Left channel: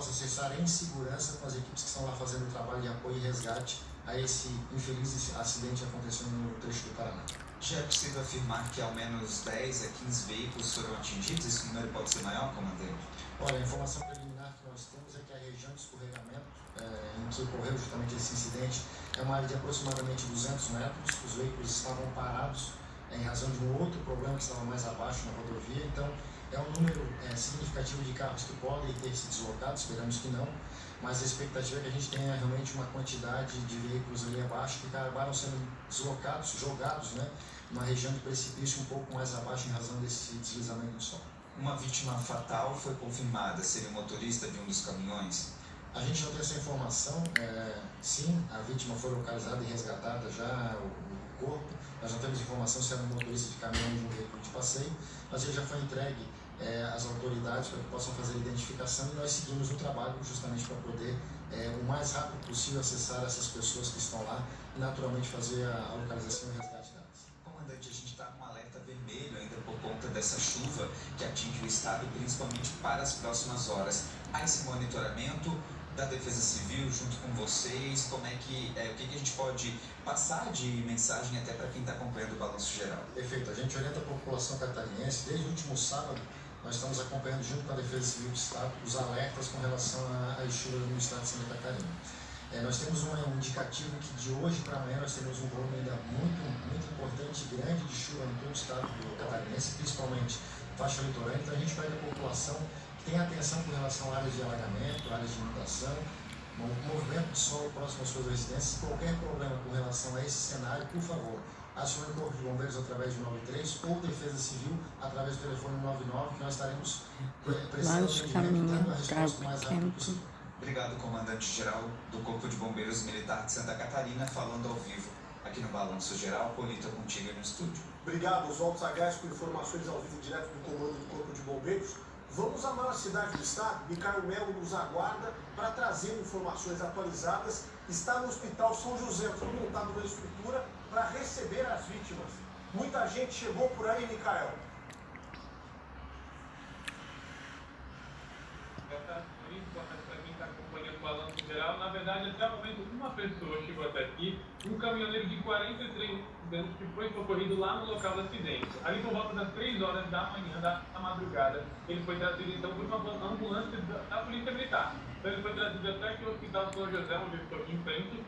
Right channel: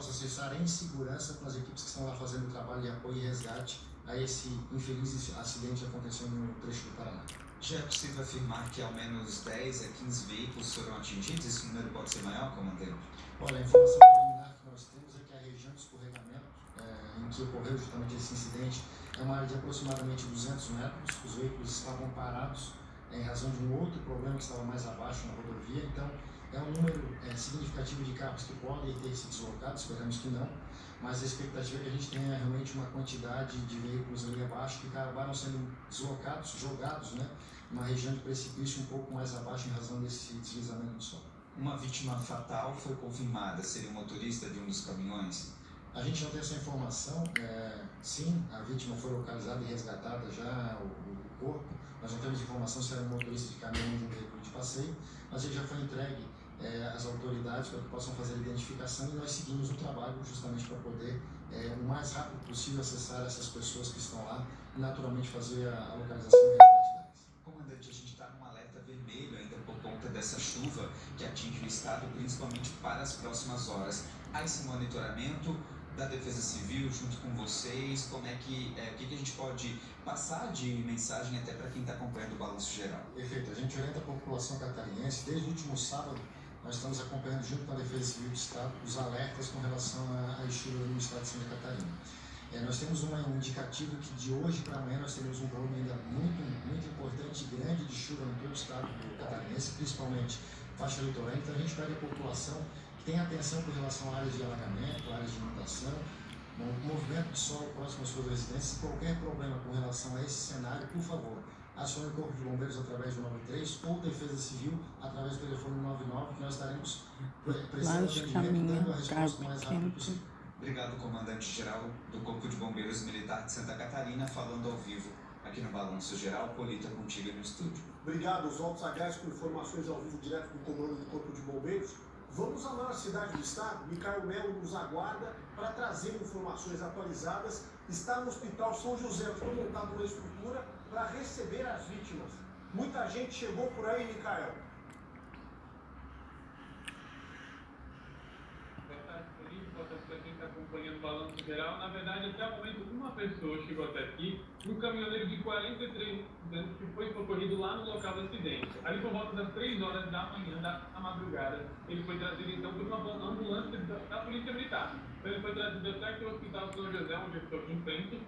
possa acessar em segurança com as equipes que estão lá fazendo o trabalho de apoio e resgate a esse infeliz acidente acontecendo no trecho do Paraná. Já é possível afirmar que ao menos 10 a 15 veículos foram atingidos? Esse número pode ser maior, comandante? Olha, a informação preliminar que nós temos é que a região de escorregamento em que ocorreu justamente esse incidente é uma área de aproximadamente 200 metros. Os veículos estavam parados em razão de um outro problema que estava mais abaixo na rodovia. Então, é um número significativo de carros que podem ter se deslocado, esperamos que não, mas a expectativa é que a gente tenha realmente uma quantidade de veículos ali abaixo que acabaram sendo deslocados, jogados, né, numa região de precipício um pouco mais abaixo em razão desse deslizamento do solo. Uma vítima fatal foi confirmada, seria o motorista de um dos caminhões? A gente não tem essa informação, sim, a vítima foi localizada e resgatada já, o corpo. Nós não temos informação se era um motorista de caminhão ou de um veículo de passeio, mas ele já foi entregue às autoridades para que possam fazer a identificação e nós seguimos o trabalho justamente para poder, o mais rápido possível, acessar essas pessoas que estão lá e naturalmente fazer a localização e resgate delas. Comandante, a gente está com um alerta vermelho ainda por conta dessa chuva que atinge o estado, principalmente para as próximas horas. Há esse monitoramento da Defesa Civil junto com vocês? Como é que, o que a gente pode passar de mensagem até para quem está acompanhando o Balanço Geral? Perfeito, a gente orienta a população catarinense. Desde o último sábado nós estamos acompanhando junto com a Defesa Civil do Estado os alertas com relação às chuvas no estado de Santa Catarina. Nós temos um indicativo que de hoje para amanhã nós teremos um volume ainda muito importante e grande de chuva no todo o estado do catarinense, principalmente faixa litorânea. Então a gente pede à população que tenha atenção com relação a áreas de alagamento, áreas de inundação, movimento de solo próximo às suas residências. Qualquer problema com relação a esse cenário, por favor, acione o Corpo de Bombeiros através do 93 ou Defesa Civil através do telefone 99, que nós estaremos prestando atendimento e dando a resposta mais rápida possível. Obrigado, comandante-geral do Corpo de Bombeiros Militar de Santa Catarina, falando ao vivo aqui no Balanço Geral. Polita, contigo no estúdio. Obrigado, Oswaldo Sagaz, com informações ao vivo direto do comando do Corpo de Bombeiros. Vamos à maior cidade do estado. Micael Melo nos aguarda para trazer informações atualizadas. Está no Hospital São José, foi montado uma estrutura para receber as vítimas. Muita gente chegou por aí, Micael. Boa tarde, Felipe. Boa tarde para quem está acompanhando o Balanço Geral. Na verdade, até o momento, uma pessoa chegou até aqui, um caminhoneiro de 43 anos que foi socorrido lá no local do acidente. Ali por volta das 3 horas da manhã, da madrugada, ele foi trazido então por uma ambulância da Polícia Militar. Então ele foi trazido até aqui no Hospital São José, onde eu estou aqui em frente.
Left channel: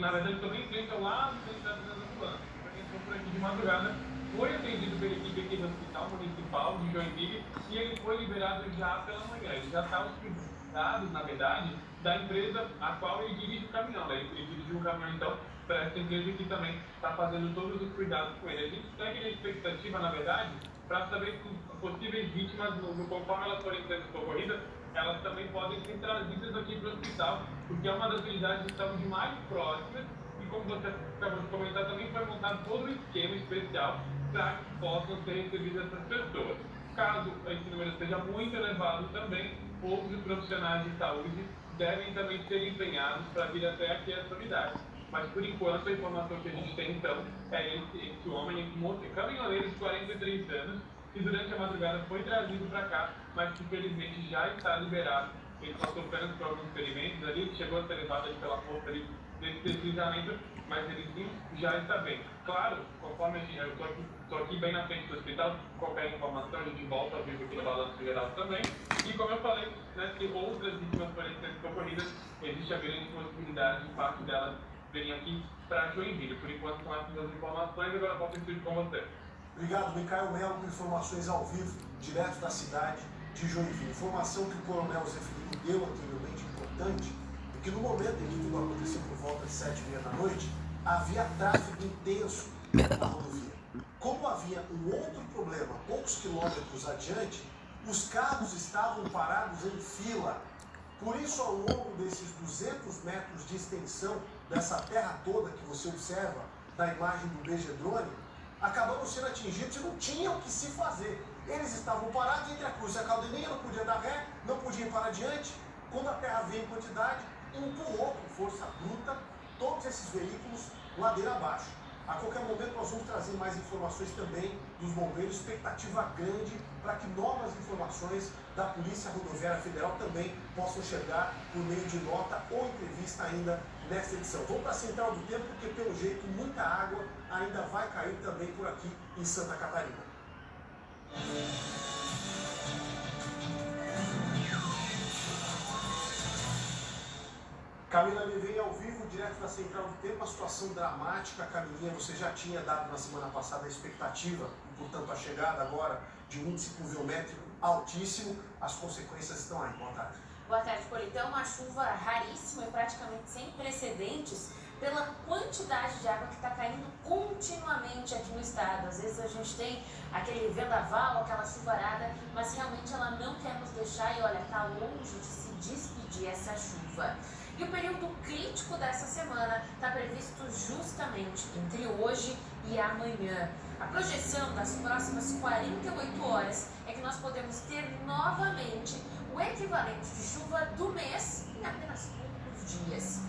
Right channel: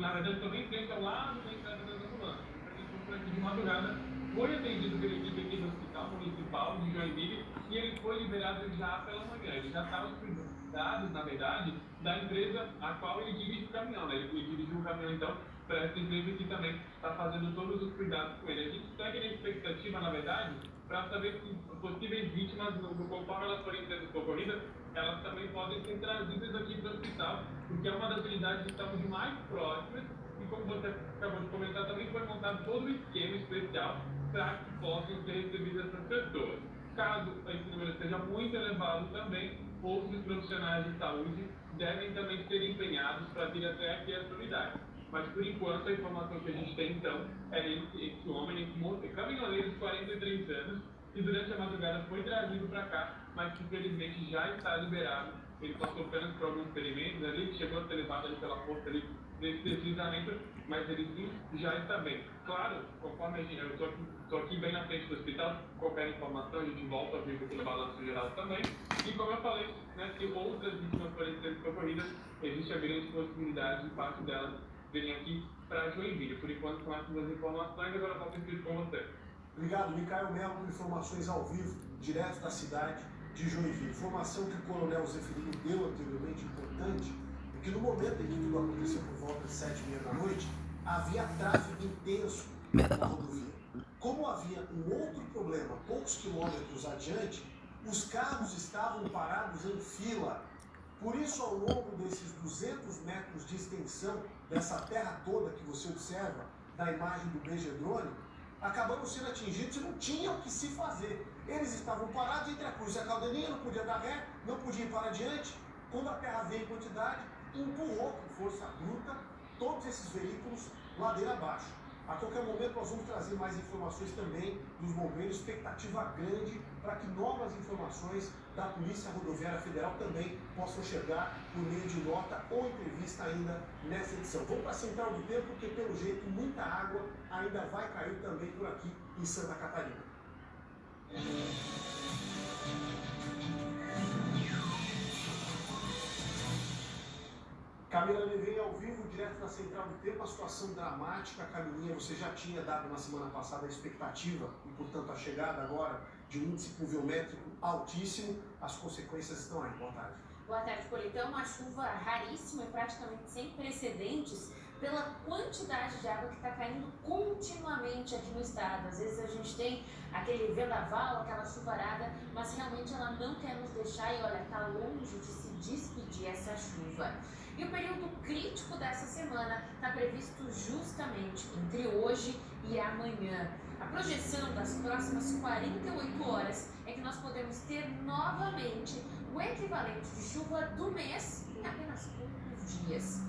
Na verdade, estou bem em frente ao lado da entrada das ambulâncias. Então ele foi por aqui de madrugada, foi atendido pela equipe aqui do Hospital Municipal de Joinville e ele foi liberado já pela manhã. Ele já está hospitalizado, na verdade, da empresa a qual ele dirige o caminhão, né? Ele dirigiu o caminhão, então, para essa empresa que também está fazendo todos os cuidados com ele. A gente segue na expectativa, na verdade, para saber se possíveis vítimas, conforme elas forem sendo socorridas, elas também podem ser trazidas aqui para o hospital, porque é uma das unidades de saúde mais próximas e, como você acabou de comentar, também foi montado todo um esquema especial para que possam ser recebidas essas pessoas. Caso esse número seja muito elevado também, outros profissionais de saúde devem também ser empenhados para vir até aqui essa unidade. Mas, por enquanto, a informação que a gente tem, então, é esse homem, caminhoneiro de 43 anos, que durante a madrugada foi trazido para cá, mas que, felizmente, já está liberado. Ele está sofrendo por alguns ferimentos ali, que chegou a ser levado ali pela força ali desse deslizamento, mas ele sim já está bem. Claro, conforme eu estou aqui bem na frente do hospital, qualquer informação a gente volta ao vivo aqui no Balanço Geral também. E como eu falei, né, se outras vítimas forem ser socorridas, existe a grande possibilidade de parte delas virem aqui para Joinville. Por enquanto, com essas duas informações, agora posso insistir com você. Obrigado, Micael Melo, com informações ao vivo, direto da cidade de Joinville. Informação que o coronel Zé Felipe deu anteriormente, importante, é que no momento em que tudo aconteceu por volta de 7h30 da noite, havia tráfego intenso na rodovia. Como havia um outro problema, poucos quilômetros adiante, os carros estavam parados em fila. Por isso, ao longo desses 200 metros de extensão dessa terra toda que você observa na imagem do BG Drone, acabamos sendo atingidos e não tinham o que se fazer. Eles estavam parados entre a cruz e a caldeninha, não podia dar ré, não podiam ir para adiante. Quando a terra veio em quantidade, empurrou com força bruta todos esses veículos ladeira abaixo. A qualquer momento nós vamos trazer mais informações também dos bombeiros, expectativa grande para que novas informações da Polícia Rodoviária Federal também possam chegar por meio de nota ou entrevista ainda nesta edição. Vamos para a Central do Tempo, porque pelo jeito muita água ainda vai cair também por aqui em Santa Catarina. Camila Oliveira ao vivo, direto da Central do Tempo, a situação dramática. A Camilinha, você já tinha dado na semana passada a expectativa e, portanto, a chegada agora de um índice pluviométrico altíssimo. As consequências estão aí. Boa tarde. Boa tarde, Politão. Uma chuva raríssima e praticamente sem precedentes pela quantidade de água que está caindo continuamente aqui no estado. Às vezes a gente tem aquele vendaval, aquela chuvarada, mas realmente ela não quer nos deixar e, olha, está longe de se despedir essa chuva. E o período crítico dessa semana está previsto justamente entre hoje e amanhã. A projeção das próximas 48 horas é que nós podemos ter novamente o equivalente de chuva do mês em apenas poucos dias.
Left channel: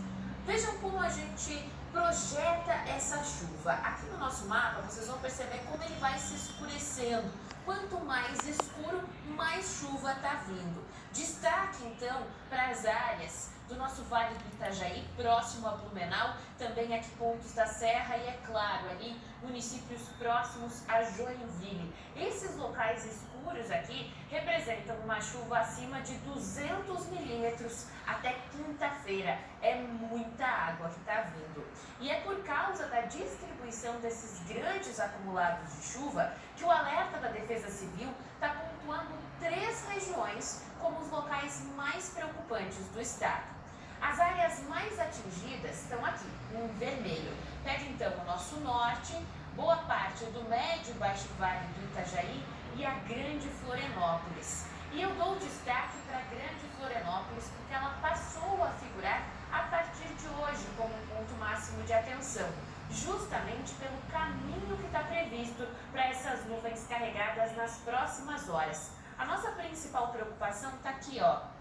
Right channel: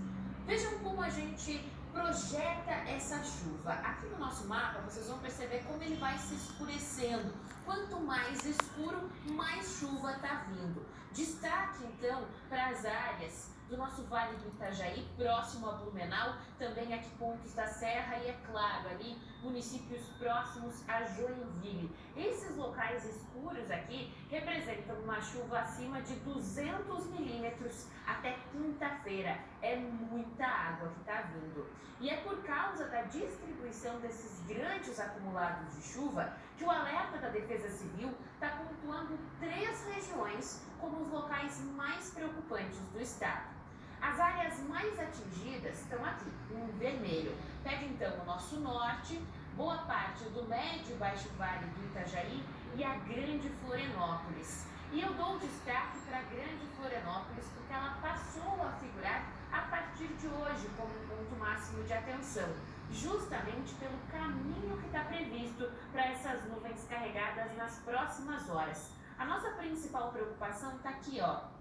Vejam como a gente projeta essa chuva. Aqui no nosso mapa vocês vão perceber como ele vai se escurecendo. Quanto mais escuro, mais chuva está vindo. Destaque então para as áreas do nosso Vale do Itajaí, próximo a Blumenau, também aqui pontos da Serra e, é claro, ali municípios próximos a Joinville. Esses locais escuros aqui representam uma chuva acima de 200 milímetros até quinta-feira. É muita água que está vindo. E é por causa da distribuição desses grandes acumulados de chuva que o alerta da Defesa Civil está pontuando 3 regiões como os locais mais preocupantes do estado. As áreas mais atingidas estão aqui, em vermelho. Pega então o nosso norte, boa parte do médio e baixo vale do Itajaí e a Grande Florianópolis. E eu dou destaque para a Grande Florianópolis porque ela passou a figurar a partir de hoje como um ponto máximo de atenção, justamente pelo caminho que está previsto para essas nuvens carregadas nas próximas horas. A nossa principal preocupação está aqui, ó.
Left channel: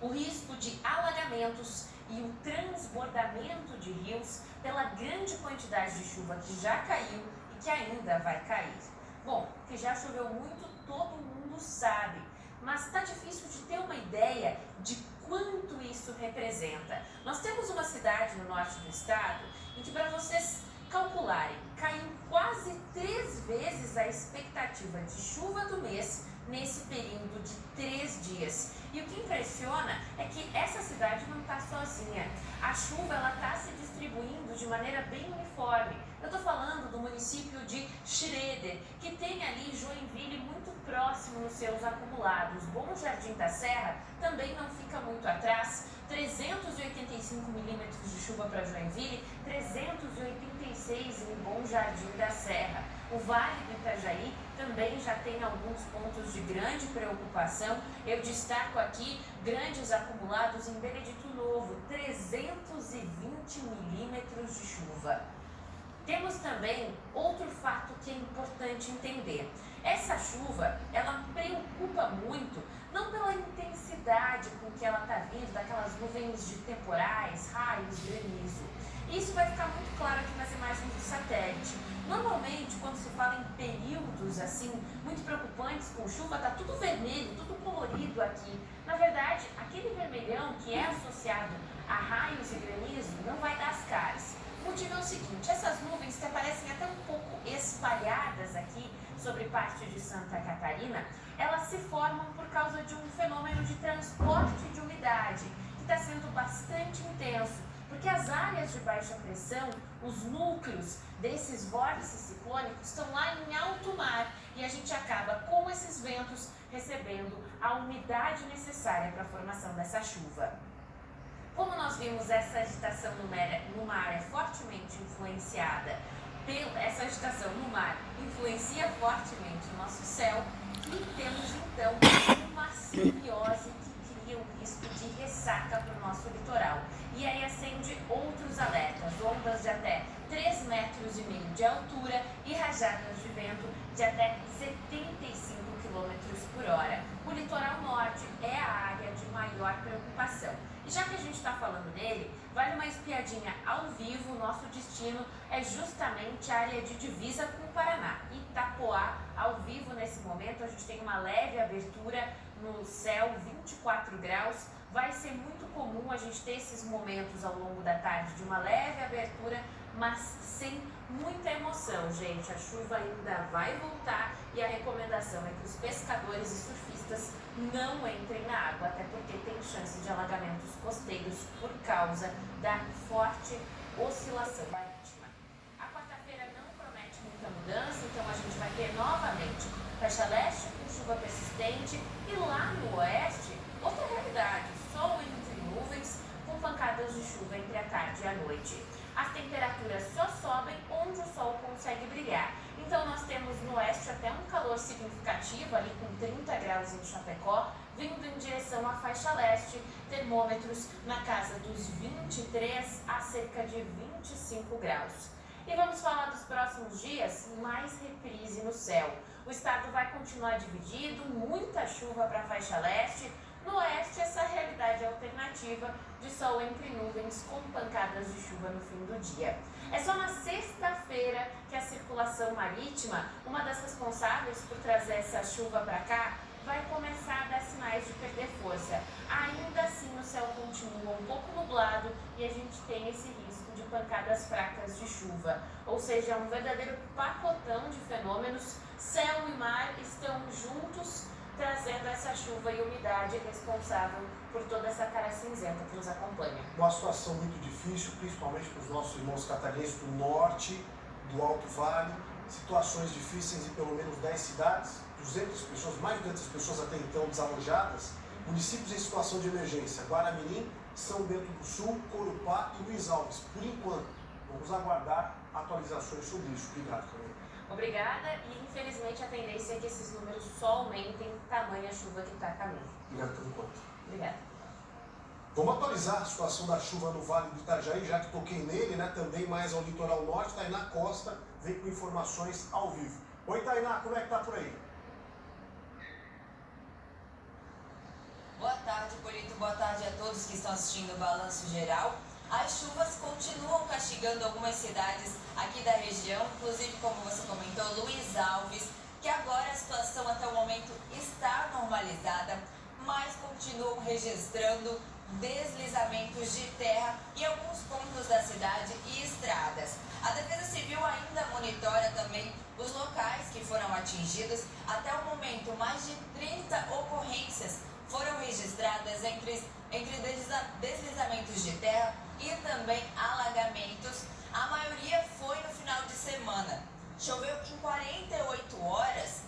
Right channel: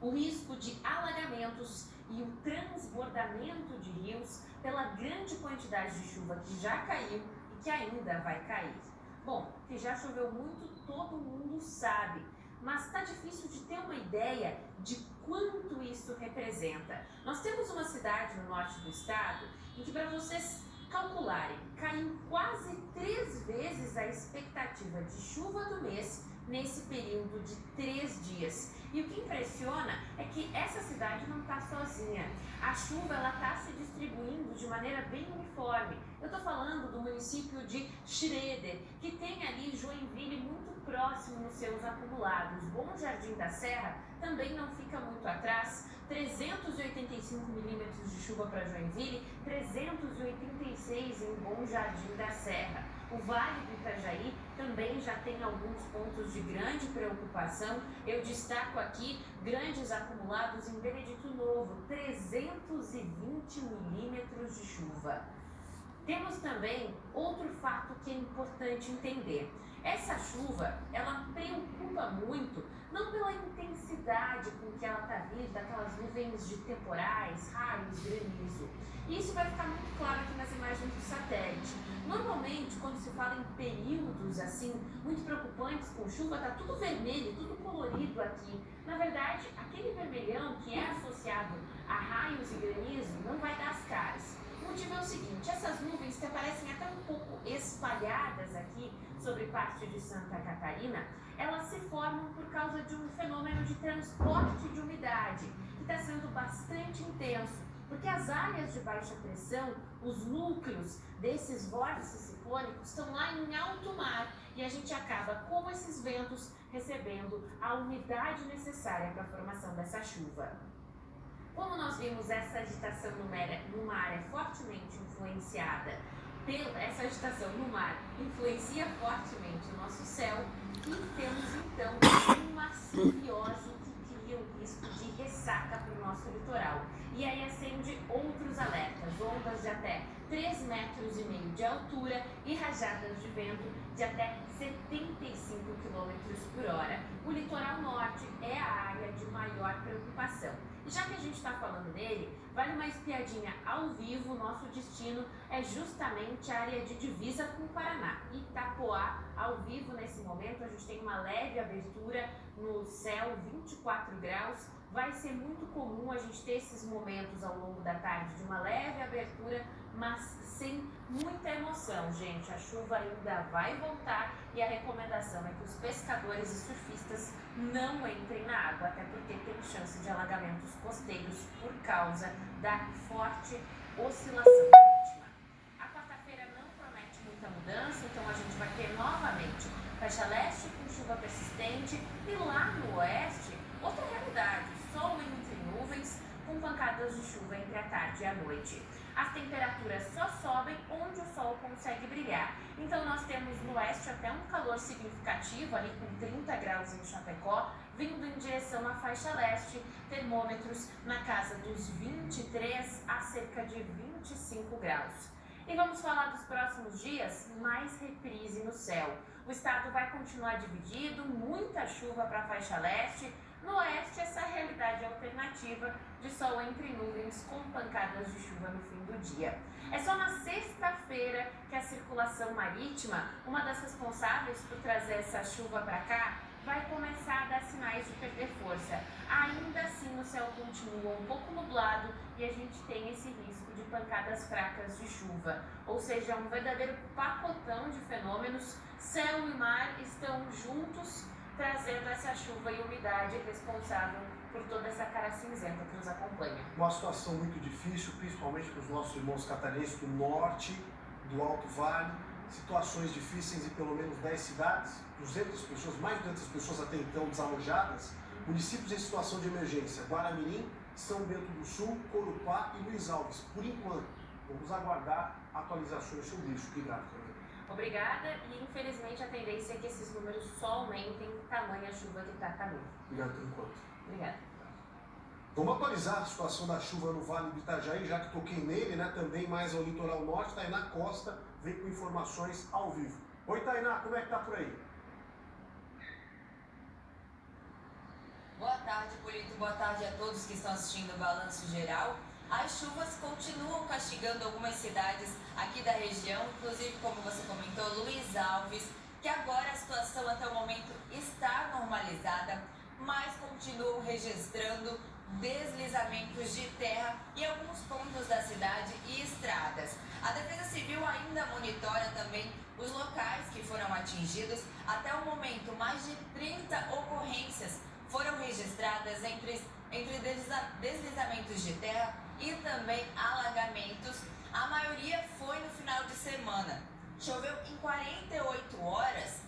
O risco de alagamentos e o transbordamento de rios pela grande quantidade de chuva que já caiu e que ainda vai cair. Bom, que já choveu muito, todo mundo sabe, mas está difícil de ter uma ideia de quanto isso representa. Nós temos uma cidade no norte do estado em que, para vocês calcularem, caiu quase 3 vezes a expectativa de chuva do mês nesse período de 3 dias. E o que impressiona é que essa cidade não está sozinha. A chuva está se distribuindo de maneira bem uniforme. Eu estou falando do município de Schroeder, que tem ali Joinville muito próximo nos seus acumulados. Bom Jardim da Serra também não fica muito atrás. 385 milímetros de chuva para Joinville, 386 em Bom Jardim da Serra. O Vale do Itajaí também já tem alguns pontos de grande preocupação. Eu destaco aqui grandes acumulados em Benedito Novo, 320 milímetros de chuva. Temos também outro fato que é importante entender. Essa chuva, ela preocupa muito, não pela intensidade com que ela está vindo, daquelas nuvens de temporais, raios, granizo. Isso vai ficar muito claro aqui nas imagens do satélite. Normalmente, quando se fala em períodos assim, muito preocupantes com chuva, está tudo vermelho, tudo colorido aqui. Na verdade, aquele vermelhão que é associado a raios e granizo não vai dar as caras. O motivo é o seguinte, essas nuvens que aparecem até um pouco espalhadas aqui sobre parte de Santa Catarina, elas se formam por causa de um fenômeno de transporte de umidade, que está sendo bastante intenso, porque as áreas de baixa pressão, os núcleos desses vórtices ciclônicos estão lá em alto mar e a gente acaba com esses ventos recebendo a umidade necessária para a formação dessa chuva. Como nós vimos, essa agitação no mar é fortemente influenciada essa agitação no mar influencia fortemente o nosso céu e temos então uma simbiose que cria o risco de ressaca para o nosso litoral. E aí acende outros alertas, ondas de até 3,5 metros de altura e rajadas de vento de até 75 km por hora. O litoral norte é a área de maior preocupação. E já que a gente está falando nele, vale uma espiadinha ao vivo. Nosso destino é justamente a área de divisa com o Paraná. Itapoá, ao vivo nesse momento, a gente tem uma leve abertura no céu, 24 graus. Vai ser muito comum a gente ter esses momentos ao longo da tarde de uma leve abertura, mas sem muita emoção, gente. A chuva ainda vai voltar e a recomendação é que os pescadores e surfistas não entrem na água, até porque tem chance de alagamentos costeiros por causa da forte oscilação marítima. A quarta-feira não promete muita mudança, então a gente vai ter novamente faixa leste com chuva persistente e lá no oeste, outra realidade, sol entre nuvens com pancadas de chuva entre a tarde e a noite. As temperaturas só sobem onde o sol consegue brilhar. Então nós temos no oeste até um calor significativo, ali com 30 graus em Chapecó, vindo em direção à faixa leste, termômetros na casa dos 23 a cerca de 25 graus. E vamos falar dos próximos dias, mais reprise no céu. O estado vai continuar dividido, muita chuva para a faixa leste. No oeste, essa realidade alternativa de sol entre nuvens com pancadas de chuva no fim do dia. É só na sexta-feira que a circulação marítima, uma das responsáveis por trazer essa chuva para cá, vai começar a dar sinais de perder força. Ainda assim, o céu continua um pouco nublado e a gente tem esse risco de pancadas fracas de chuva. Ou seja, é um verdadeiro pacotão de fenômenos. Céu e mar estão juntos, trazendo essa chuva e umidade responsável por toda essa cara cinzenta que nos acompanha. Uma situação muito difícil, principalmente para os nossos irmãos catarinenses do norte, do Alto Vale. Situações difíceis em pelo menos 10 cidades, 200 pessoas, mais de 200 pessoas até então desalojadas. Municípios em situação de emergência: Guaramirim, São Bento do Sul, Corupá e Luiz Alves. Por enquanto, vamos aguardar atualizações sobre isso. Obrigado, Carol. Obrigada, e infelizmente a tendência é que esses números só aumentem, tamanha chuva que está a caminho. Obrigado por enquanto. Obrigada. Vamos atualizar a situação da chuva no Vale do Itajaí, já que toquei nele, né? Também mais ao litoral norte. Tainá Costa vem com informações ao vivo. Oi, Tainá, como é que tá por aí? Boa tarde, Polito. Boa tarde a todos que estão assistindo o Balanço Geral. As chuvas continuam castigando algumas cidades aqui da região, inclusive, como você comentou, Luiz Alves, que agora a situação até o momento está normalizada, mas continuam registrando deslizamentos de terra em alguns pontos da cidade e estradas. A Defesa Civil ainda monitora também os locais que foram atingidos. Até o momento, mais de 30 ocorrências foram registradas entre deslizamentos de terra e também alagamentos. A maioria foi no final de semana. Choveu em 48 horas,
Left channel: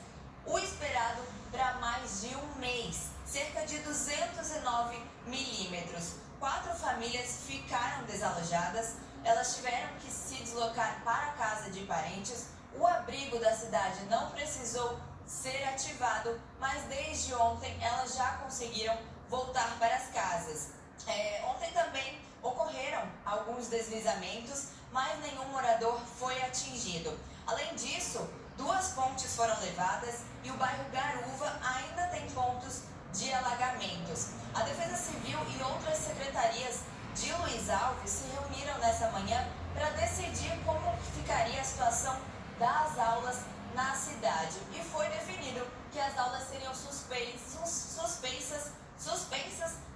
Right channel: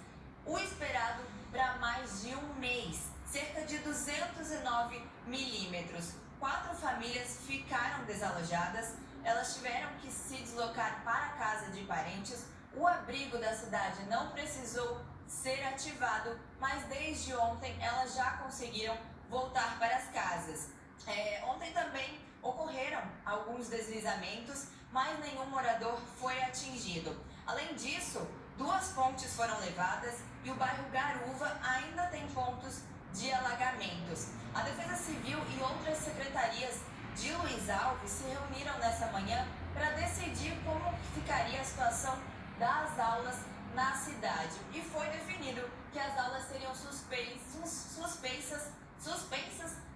o esperado para mais de um mês, cerca de 209 milímetros. 4 famílias ficaram desalojadas, elas tiveram que se deslocar para a casa de parentes. O abrigo da cidade não precisou ser ativado, mas desde ontem elas já conseguiram voltar para as casas. Ontem também ocorreram alguns deslizamentos, mas nenhum morador foi atingido. Além disso, 2 pontes foram levadas e o bairro Garuva ainda tem pontos de alagamentos. A Defesa Civil e outras secretarias de Luiz Alves se reuniram nessa manhã para decidir como ficaria a situação das aulas na cidade. E foi definido que as aulas seriam suspensas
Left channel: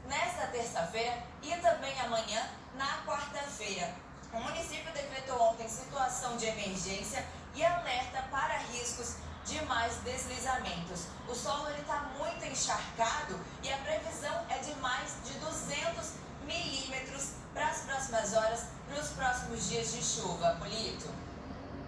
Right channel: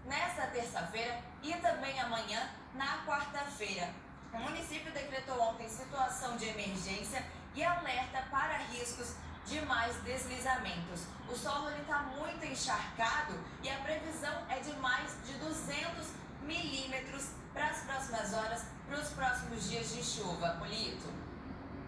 nesta terça-feira e também amanhã, na quarta-feira. O município decretou ontem situação de emergência e alerta para riscos de mais deslizamentos. O solo está muito encharcado e a previsão é de mais de 200 milímetros para as próximas horas, para os próximos dias de chuva. Polito.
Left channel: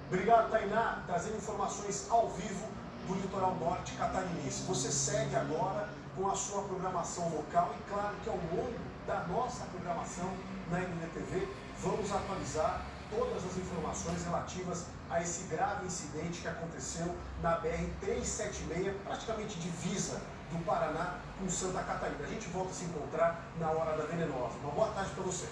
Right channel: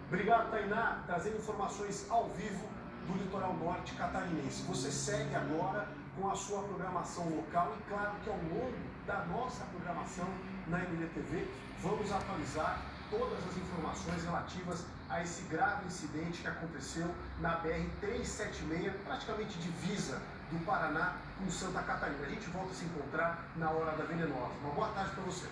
Obrigado, Tainá, trazendo informações ao vivo do litoral norte catarinense. Você segue agora com a sua programação local e, claro, que ao longo da nossa programação na NDTV, vamos atualizar todas as informações relativas a esse grave incidente que aconteceu na BR-376, praticamente divisa do Paraná com Santa Catarina. A gente volta a se encontrar na Hora da Venenosa. Uma boa tarde para você.